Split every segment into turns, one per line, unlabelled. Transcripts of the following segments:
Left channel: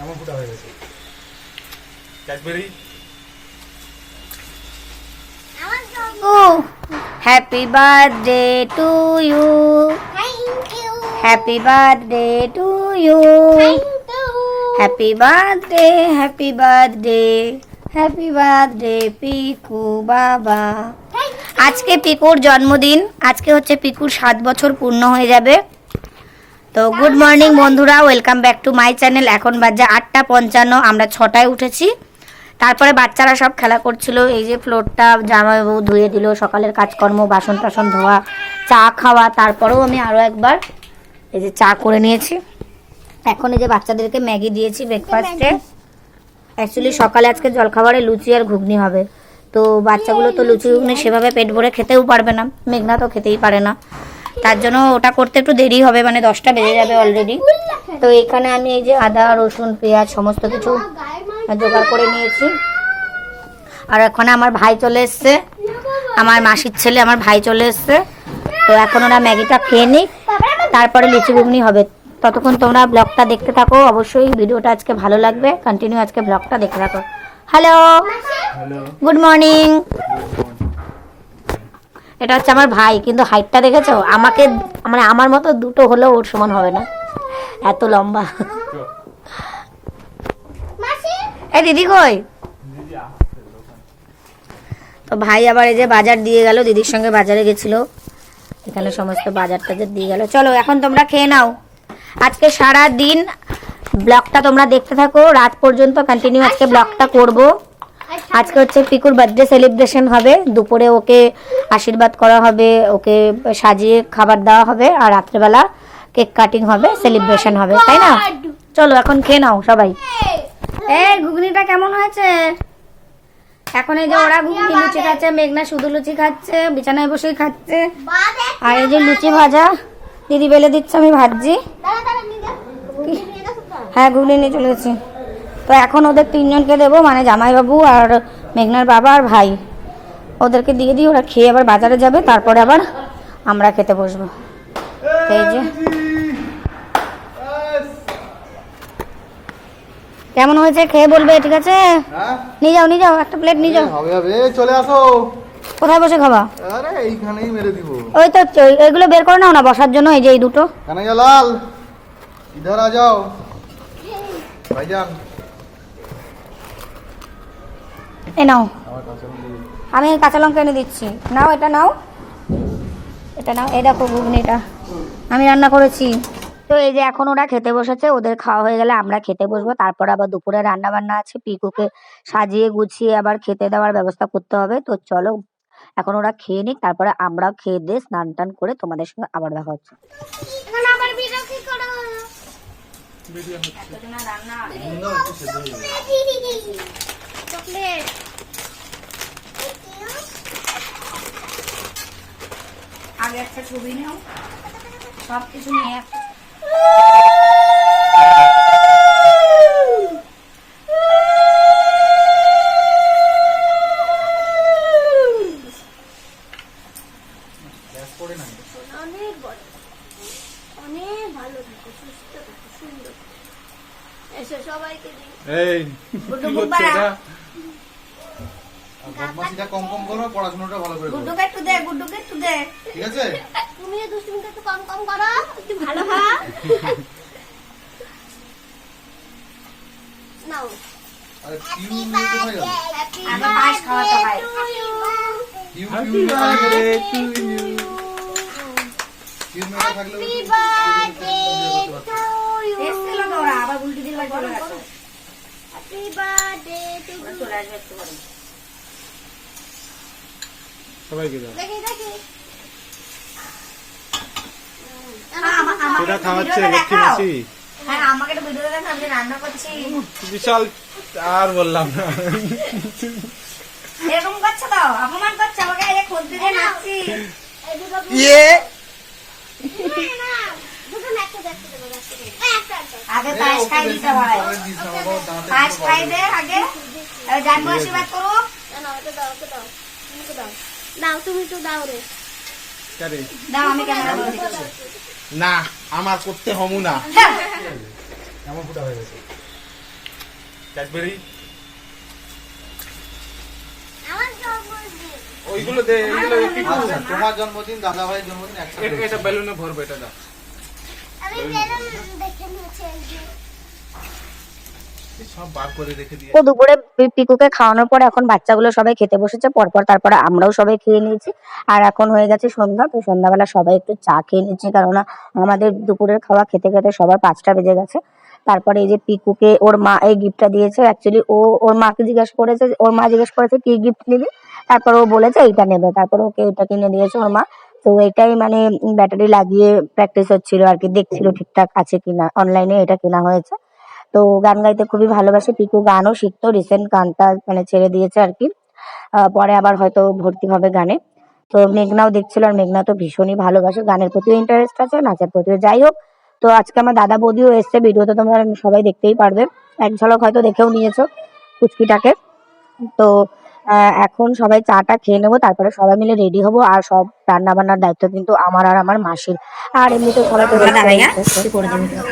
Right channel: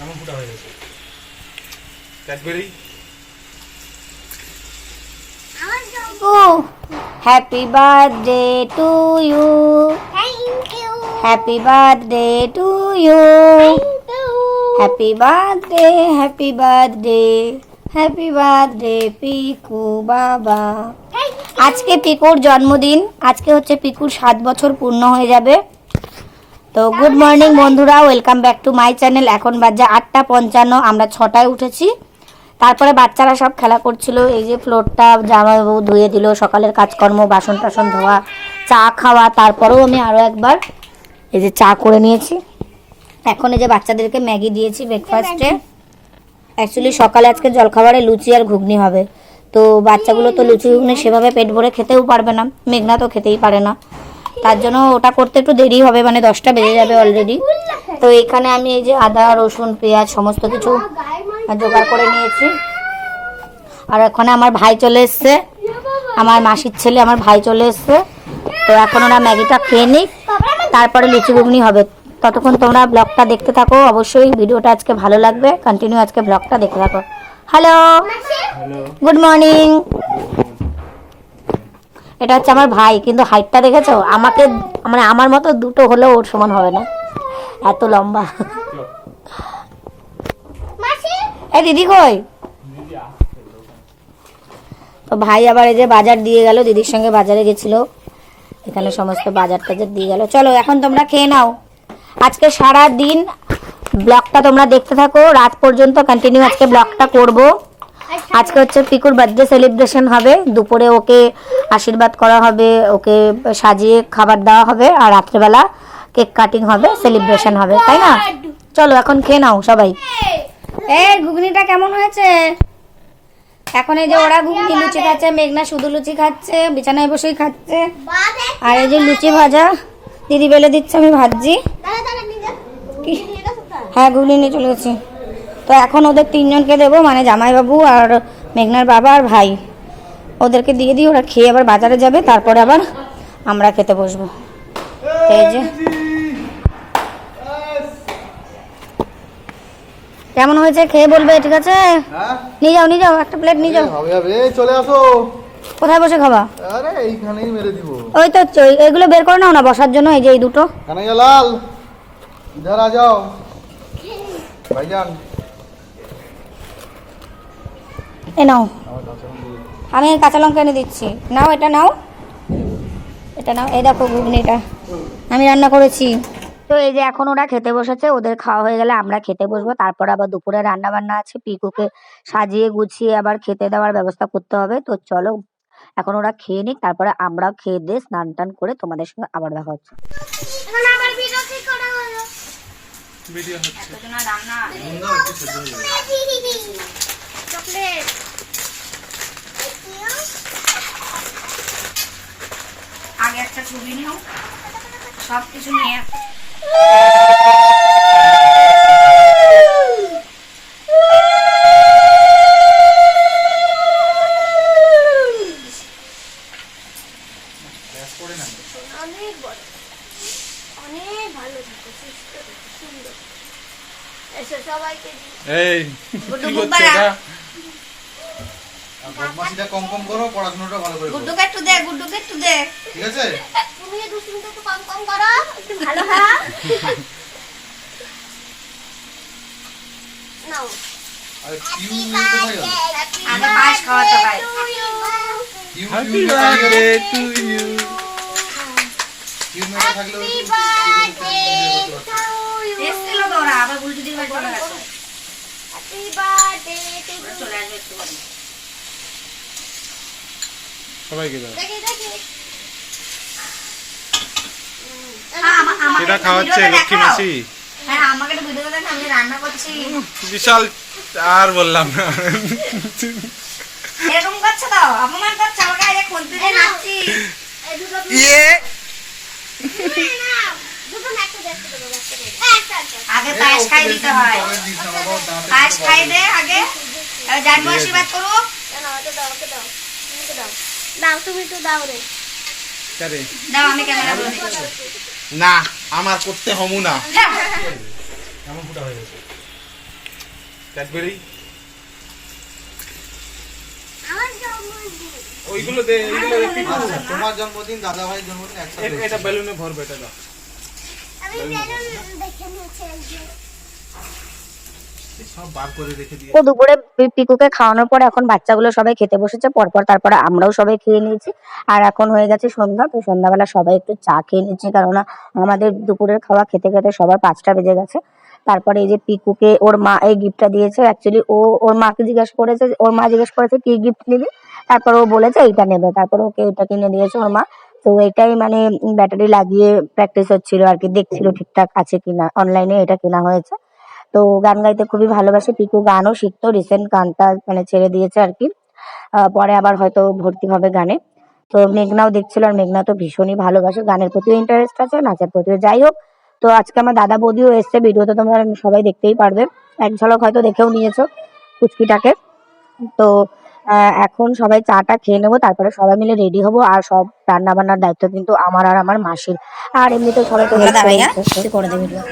এমন ফুটা হয়ে গেছে Cadbury
Oh, happy birthday to you.
Thank you.
Happy birthday to you.
Thank you.
Happy birthday, happy birthday. Happy birthday, Piku বাবা আজকে পিকুর জন্মদিন আজকে হচ্ছে পিকুর সাত বছর পূর্ণ হয়ে যাবে। তো গুড মর্নিং বন্ধুরা welcome back to my channel এখন বাজে আটটা পঞ্চান্ন আমরা ছটায় উঠেছি। তারপরে বাচ্চারা সব খেলা করছিল এই যে ফ্লোরটা জামাইবাবু ধুয়ে দিল সকালের কাজকর্ম বাসন টাসন ধোয়া চা খাওয়া তারপরেও আমি আরও একবার এই যে চা করে নিয়েছি। এখন এই যে বাচ্চাদেরকে ম্যাগি দিয়েছি ব্রেকফাস্টে অ্যাকচুয়ালি সকালে আজকে জলখাবারে লুচি আর ঘুগনি হবে। তো বাচ্চাগুলো তো লুচি ঘুগনি সেভাবে পেট ভরে খেতেও পারবে না। মেঘনা তো খেতেই পারে না। তার জন্য ওটা করতে একটু দেরি হবে মানে দশটা বেজে যাবে অলরেডি তো এখানে আমি এই যে আদা, রসুন, পেঁয়াজ সমস্ত কিছু জোগাড় করে নিয়েছি। আর এখন আমার ভাই চলে এসছে। আমার মাসির ছেলে, আমার ভাই চলে এসছে। তো এখন ওরা ম্যাগিটা খেয়ে নিক, তারপরে লুচি ঘুগনি হবে। ততক্ষণ তোমরা ব্লগটা দেখতে থাকো। অবশ্যই ভিডিওটা আজকে ভালো লাগবে। কন্টিনিউ আজকে ব্লগটা দেখতে থাকো। হ্যালো গুড মর্নিং এটা হচ্ছে আমার ভাই কিন্তু হাইটটা দেখেছ? আমাকে মানে আমার মতো দুটো হলেও ওর সমান হবে না। এত লম্বা। এই দিদি কই? তো ভাই আবার এই যে বাজার দিয়ে গেল দিদির সঙ্গে বাজারে গেছিল। এখানে সমস্ত বাজার টাজার দিয়ে গেল। চলো এখন তোমরা খেয়ে নাও। আজকে সারা দিন ব্লগটা তোমরা দেখতে থাকো। রাত পর্যন্ত কন্টিনিউ আজকে ব্লগটা করব। আজকে হচ্ছে পিকুর বার্থডে সেলিব্রেশন হবে। দুপুরে ওকে আশীর্বাদ করা হবে ওকে সাজিয়ে খাবার দেওয়া হবে আর রাত্রেবেলা কেক কাটিং হবে সেলিব্রেশন হবে তাই না? চলো এখন খেয়ে নাও সবাই। এই ঘুগনিটা কেমন হয়েছে? এখন এই যে ওরা ঘুগনি লুচি খাচ্ছে মেঘনা শুধু লুচি খাচ্ছে বিছানায় বসেই খাচ্ছে। আর এই যে লুচি ভাজা দিদি বেলে দিচ্ছে আমি ভাজছি? হ্যাঁ ঘুগনি নিয়ে চলে গেছি। তো এখন ওদের তিনজনকে দেবো মানে জামাইবাবু আর মেঘনার বাবা আর ভাই। ওদেরকে দিয়ে দিই ওরা খেয়ে আবার বাজারে যাবে তারপরে আবার আমরা খেতে বসবো। এই যে। কেমন হয়েছে? খেয়ে বলবে ঠিক আছে?
হ্যাঁ?
নিয়ে যাও নিয়ে যাও একটা প্লেট নিয়ে যাও।
চলে আসো।
কোথায় বসে খাবা?
আরে এইখানেই মেরে দিব।
ওই তো এগুলো বের করে নাও না বসার জন্য এই যে এই দুটো।
লাল। ইধার আ যাও। ভাইজান।
এ নাও। আমি কাঁচা লঙ্কা এনে দিচ্ছি। নাও এটা নাও। এটা নাও। এই দেখো ঘুগনিটা। আমি রান্না করেছি। তো এই যে এখন ওরা খেতে বসেছে ওদের খাওয়া হয়ে গেলে আমরা খেতে বসবো। তারপর আবার দুপুরে রান্না বান্না আছে। পিকুকে সাজিয়ে গুছিয়ে আবার খেতে দেওয়ার ব্যবস্থা করতে হবে। তো চলো এখন ওরা খেয়ে নিক। তারপরে আমরাও খেয়ে দিয়ে স্নান টান করে তোমাদের সঙ্গে আবার দেখা হচ্ছে।
ভিডিও হচ্ছে।
চকলেট।
আগে একটা ছবি নিও। সব কিছু নিয়ে।
এই কি করছে এটা বদমাশিটা কম কম করো পড়াশোনাটা ভালো করে
গুড্ডুকে একটু দে গুড্ডুকে একটু দে
ঠিক আছে
তুমি দুষ্টুমিটা একটু কম কম করো একটু ভালো হ্যাঁ নাও
আরে কিউ কোথায় গেল
আগে পায়েস খাওয়াতে হয়
হ্যাপি বার্থডে টু ইউ
কিউ মেটা থাকলে
এসছিল তো আবার উল্টো দিকে চলে গেছে
হ্যাপি বার্থডে টু
চলে আসবে একটু পরে।
সবাইকে দাও।
দেখি দেখি।
একটু
খাওয়াচ্ছে লক্ষ্মী মাসি?
হ্যাঁ
বিশাল আর বললাম না।
এরকম করছে তো? অপমান করছে আমাকে আগে খুঁজতে নাচছি।
ইয়ে
আগে পায়েস খাই দিতে হয়। পায়েস খাই দে আগে। জানব আশীর্বাদ করো।
দাও ওকে দাও ওকে দাও দাও তুমি তো দাও রে
দাও। আমি ক্যামেরা
না আমার করতে হমু না।
এমন ফুটা হয়ে গেছে।
ক্যাডবেরি? ওইগুলো দে এইগুলো পিকু।
আচ্ছা তোমার জন্মদিন দাদা ভাইয়ের জন্মদিন একসাথে
এটা- এটা বেলুনে ভরবে এটা দাও।
তো দুপুরে পিকুকে খাওয়ানোর পর এখন বাচ্চাগুলো সবাই খেতে বসেছে, পরপর আমরাও সবাই খেয়ে নিয়েছি। আর এখন হয়ে গেছে সন্ধ্যা, তো সন্ধ্যাবেলা সবাই একটু চা খেয়ে কারণ আমাদের দুপুরের খাওয়া খেতে খেতে সবার পাঁচটা বেজে গেছে। তারপরে এই যে পিকুকে ওর মা এই গিফটটা দিয়েছে অ্যাকচুয়ালি ও ওর মাকে জিজ্ঞেস করেছে ওর মা জিজ্ঞেস করেছে, কি গিফট নিবি? তারপর ও বলেছে, এইটা নেবে। তারপর ওকে এটা কিনে দিয়েছে ওর মা। তো এটাই মানে ব্যাটারি লাগিয়ে প্র্যাকটিস হচ্ছিল আর কি, দেখছিল ঠিকঠাক আছে কিনা অনলাইনে এটা কেনা হয়েছে। তো গান গাইতে খুবই ভালোবাসে, পিকু গানও শিখতো রিসেন্ট গানটা মানে ছেড়ে দিয়েছে আর কি। পরে আবার হয়তো ভর্তি হবে গানে। তো মেঘনাও দেখছিল আর মেঘনা তো ভীষণই ভালোবাসে, গানের প্রতিও ইন্টারেস্ট আছে, নাচের প্রতিও। যাই হোক, তো আজকে আমার দাদা বৌদিও এসছে, ভিডিওতে তোমরা সবাই দেখতেই পারবে। এক ঝলক হয়তো দেখেও নিয়েছো কুচকিটাকে। তো এখন সবাই চাটা খেয়ে নেব তারপরে সবাই মিলে রেডি হব আর সব রান্না বান্নার দায়িত্ব কিন্তু আমার আর আমার মাসির আর এমনিতে সবাই তো হেল্প করে দিচ্ছে। করে দেবে video।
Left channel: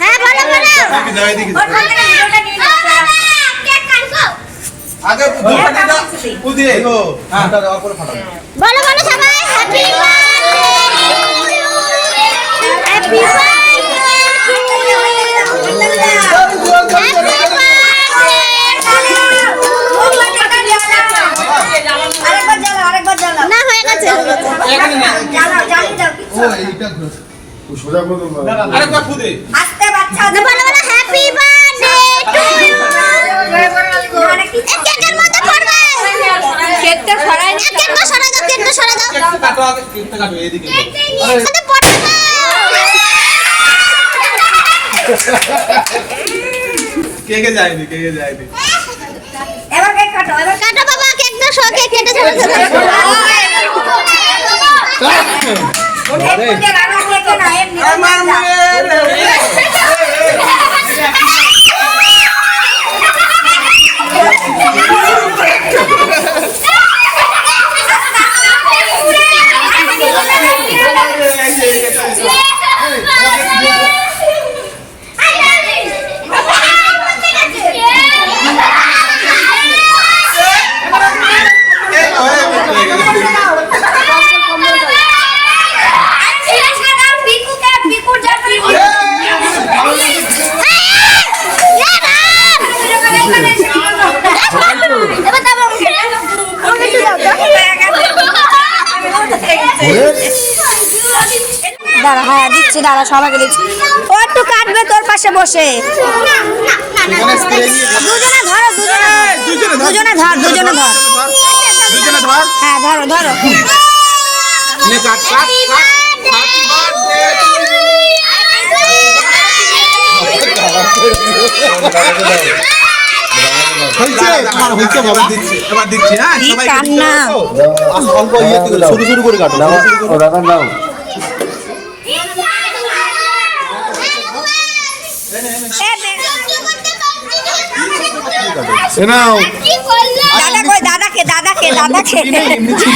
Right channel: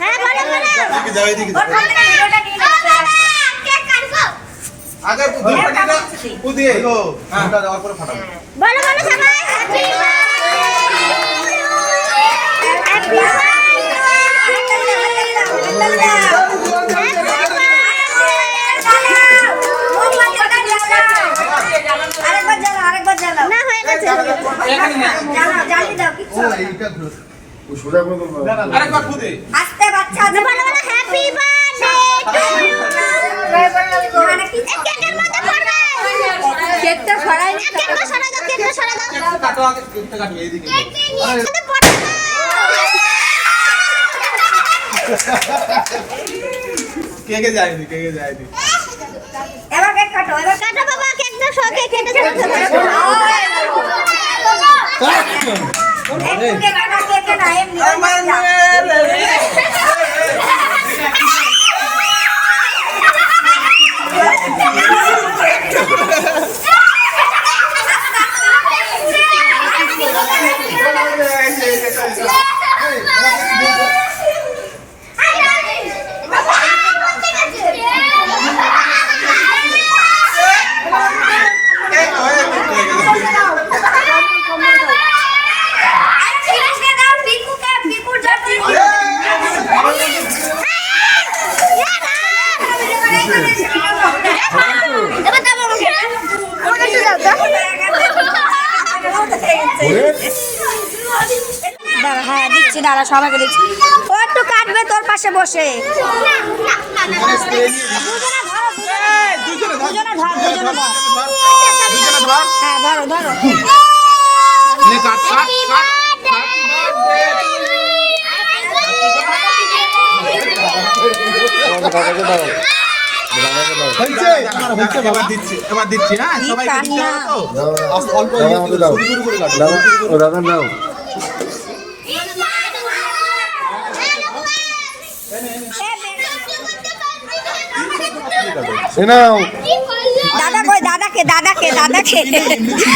হ্যাঁ বলো বলো ওখান থেকে ভিডিওটা নিয়ে নাও কেক কাটবো
আগে কুদি এগো
ফুটা দেওয়ার পরে ফাটাবো
বলো বলো সবাই হ্যাপি হ্যাপি না হয়ে গেছে
ও এইটা ঘুরে
ও সোজা করে দেবো।
আরে কত কুদি
বলো বলো হ্যাপি বার্থডে কেকের মধ্যে পড়বে কেকটা সরাই কেকটা সরাই দাও কেকটা সরাই দাও
কেকটা কাটো আগে কেকটা কাটো এদিকে
সাথে পড়বে
কে কে যায়নি কে কে যায়নি?
কাটো বাবা কেকটা সহ কেক কেটে
Một hết, một cái là nó cái này em.
Em ăn দাঁড়া হ্যাঁ দিচ্ছি দাঁড়া সবাইকে দিচ্ছি। ও একটু কাটবে তোর পাশে বসে। দুজনে ধরো দুজনে দুজনে ধর। দুজনে ধর
দুজনে ধর।
হ্যাঁ ধরো ধরো।
কাট কাট কাট হ্যাপি
তোমার হয়েছে বাবা।
দিচ্ছি এবার দিচ্ছি হ্যাঁ সবাই
কান্না?
অল্প ইয়েতে করে কাটো সরু সরু করে
রাখার নাম
শোনাও
দাদা কই? দাদাকে দাদাকে দাদাকে।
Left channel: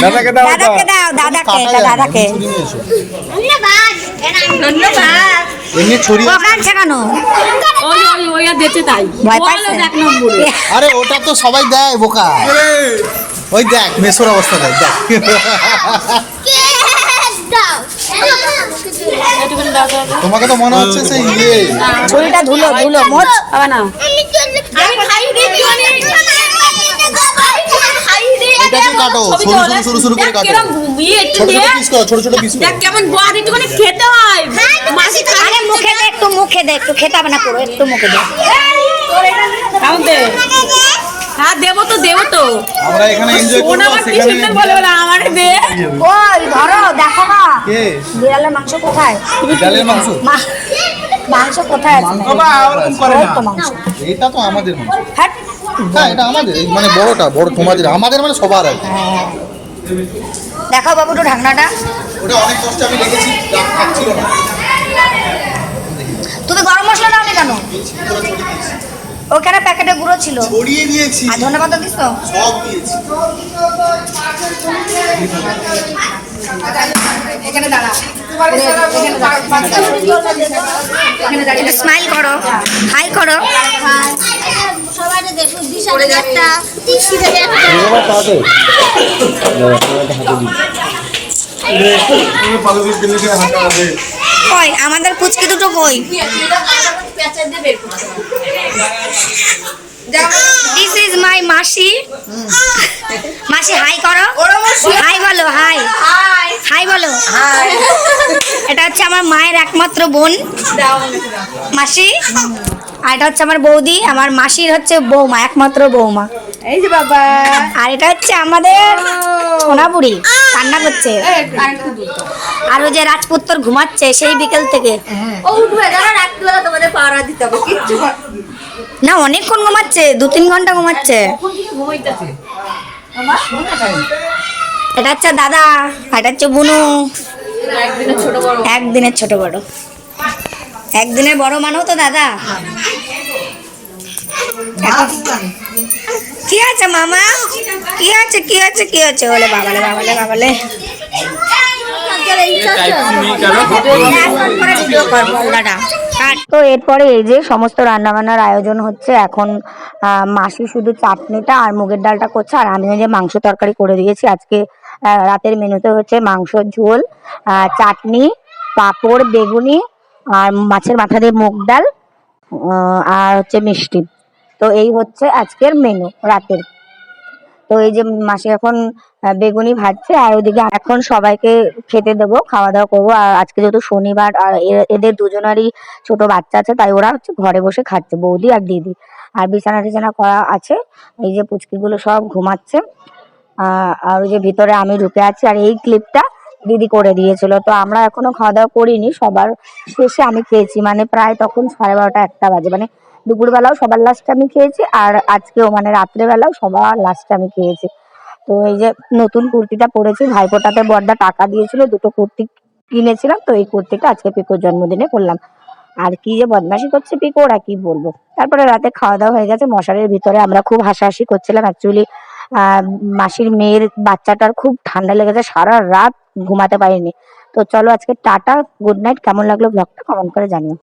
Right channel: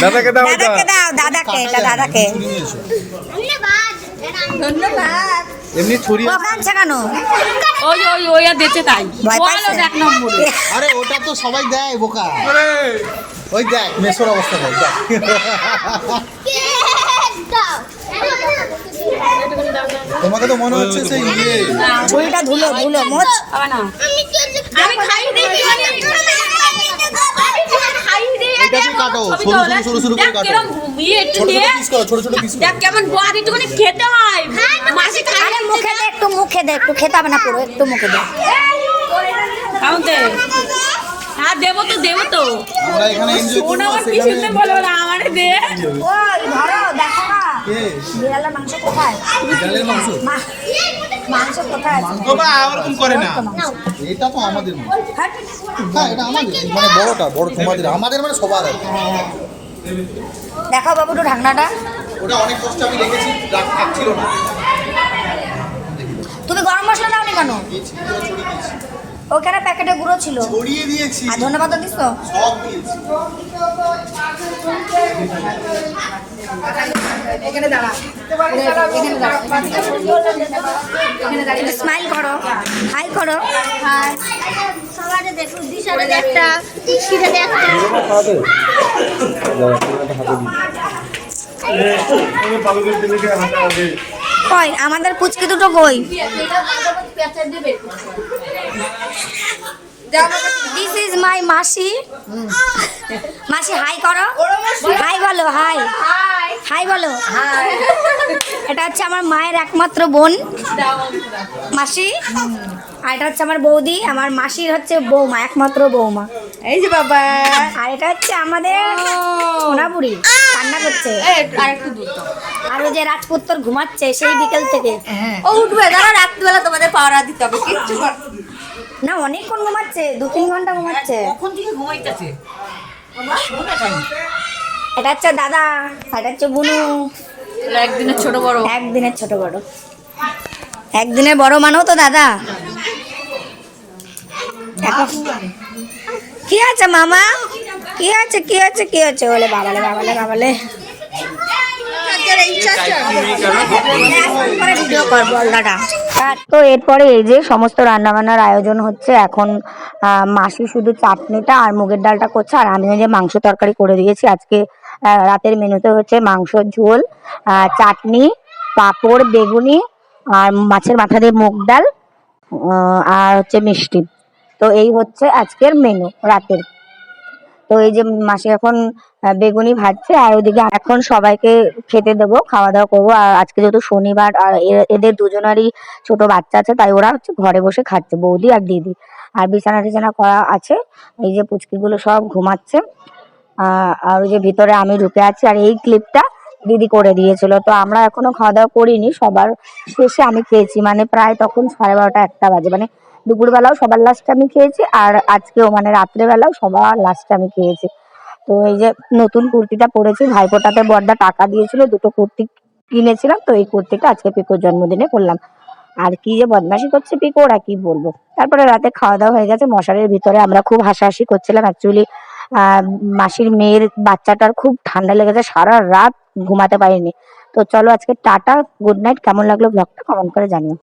দাদাকে
দাদাকে দাও দাদাকে দাদাকে
ছুরি নিয়ে এসো।
ধন্যবাদ।
ধন্যবাদ।
এমনি ছুরি
ও কেন?
ওই ওই ওই আর দিচ্ছে তাই।
ভয়
ওই
পাচ্ছে?
হলো এক নম্বরে।
আরে ওটা তো সবাই দেয় বোকা। ওই দেখ মেসোর অবস্থা দেখ দেখ। তোমাকে তো মনে হচ্ছে সেই ইয়ে।
ছুরিটা ধুলো ধুলো মোচ
হবে না।
আমি খাই আমি খাই দিই
এটাকে কাটো সরু সরু সরু সরু করে
দেখ
কাটো
একটু
ছোট ছোট পিস করো ছোট ছোট পিস করো।
দেখ কেমন বদ একটুখানি খেতে হয়। মাসি
আরে মুখে দে একটু মুখে দে একটু খেতে হবে না পুরো একটু মুখে দে।
খাও দে। হ্যাঁ দেবো তো।
আমরা এখানে এনজয় করব
আমার কি
সেখানে
সুন্দর বলে বলে আমার দে।
ওই ধরো দেখো না।
কে?
বিড়ালের মাংস কোথায়?
ডালের মাংস?
মাংস কোথায় আছে?
বাবা ওরকম করে না।
এটা তো আমাদের মাংস।
হ্যাঁ।
হ্যাঁ এটা আমাদের মানে বড়টা বড় তোমাদের আমাদের মানে সবার আর কি।
দেখাও বাবু একটু ঢাকনাটা।
ওটা অনেক কষ্টে আমি লিখেছি খাচ্ছিল না
তুমি গরম মশলা দাও নি কেন ওখানে প্যাকেটে গুঁড়ো ছিল?
ছড়িয়ে দিয়েছি।
আর ধনে পাতা দিস তো।
সব দিয়েছি। এখানে দাঁড়া।
স্মাইল করো। হাই করো।
সবাই দেখো দিশারে একটা দিশিরে একটা
কই? আমাদের পুচকে দুটো কই? দিস ইজ মাই মাসি। মাসি হাই করো। হাই বলো হাই হাই বলো। এটা হচ্ছে আমার মায়ের একমাত্র বোন। মাসি আর এটা হচ্ছে আমার বৌদি। আমার মাসির হচ্ছে বৌমা একমাত্র বৌমা।
এই যে বাবা।
আর এটা হচ্ছে আমাদের সোনাপুরি কান্না করছে। আর ওই যে রাজপুত্তর ঘুমাচ্ছে সেই বিকেল থেকে।
তোমাদের দিতে হবে
না অনেকক্ষণ ঘুমাচ্ছে দু তিন ঘণ্টা ঘুমাচ্ছে। এটা হচ্ছে দাদা এটা হচ্ছে বুনু।
একদিনের ছোট বড়।
একদিনের ছোট বড়। একদিনের বড় মানেও তো দাদা। এখন- কি আছে মামা? কি আছে কি আছে কি আছে? বলে বাবালে বাবালে বাবালে তো এরপরে এই যে সমস্ত রান্নাবান্নার আয়োজন হচ্ছে এখন মাসি শুধু চাটনিটা আর মুগের ডালটা করছে আর আমি যে মাংস তরকারি করে দিয়েছি। আজকে রাতের মেনুতে হচ্ছে মাংসর ঝোল চাটনি পাঁপড় বেগুনি আর মাছের মাথা দিয়ে মুগ ডাল আর হচ্ছে মিষ্টি। তো এই হচ্ছে আজকের মেনু রাতের। তো এই যে মাসি এখন বেগুনি ভাজছে আর ওইদিকে এখন সবাইকে খেতে দেবো, খাওয়া দাওয়া করব। আর আজকে যেহেতু শনিবার, আর এদের দুজনারই ছোট বাচ্চা আছে, তাই ওরা হচ্ছে ঘরে বসে খাচ্ছে, বৌদি আর দিদি। আর বিছানা টিছানা করা আছে, এই যে পুচকিগুলো সব ঘুমাচ্ছে। আর ওই যে ভিতরে আমি ঢুকে আছি, আর এই ক্লিপটা দিদি করে দিয়েছিল। তো আমরা এখনও খাওয়া দাওয়া করিনি, সবার শেষে আমি খেয়েছি মানে প্রায় তখন সাড়ে বারোটা, একটা বাজে মানে দুপুরবেলাও সবার লাস্টে আমি খেয়েছি আর আজকেও মানে রাত্রেবেলাও সবার লাস্টে আমি খেয়েছি। তো এই যে নতুন কুর্তিটা পরেছি, ভাইফোঁটাতে বর্দা টাকা দিয়েছিল, দুটো কুর্তি কিনেছিলাম, তো এই কুর্তিটা আজকে পিকোর জন্মদিনে করলাম আর কি যে বদমাশি করছে পিকো, ওরা কি বলব? তারপরে রাতে খাওয়া দাওয়া হয়ে গেছে, মশারির ভিতরে আমরা খুব হাসাহাসি করছিলাম অ্যাকচুয়ালি মাসির মেয়ের বাচ্চাটার খুব ঠান্ডা লেগেছে, সারা রাত ঘুমাতে পারিনি। তো চলো আজকে টাটা গুড নাইট কেমন লাগল ব্লগটা কমেন্ট করে জানিও।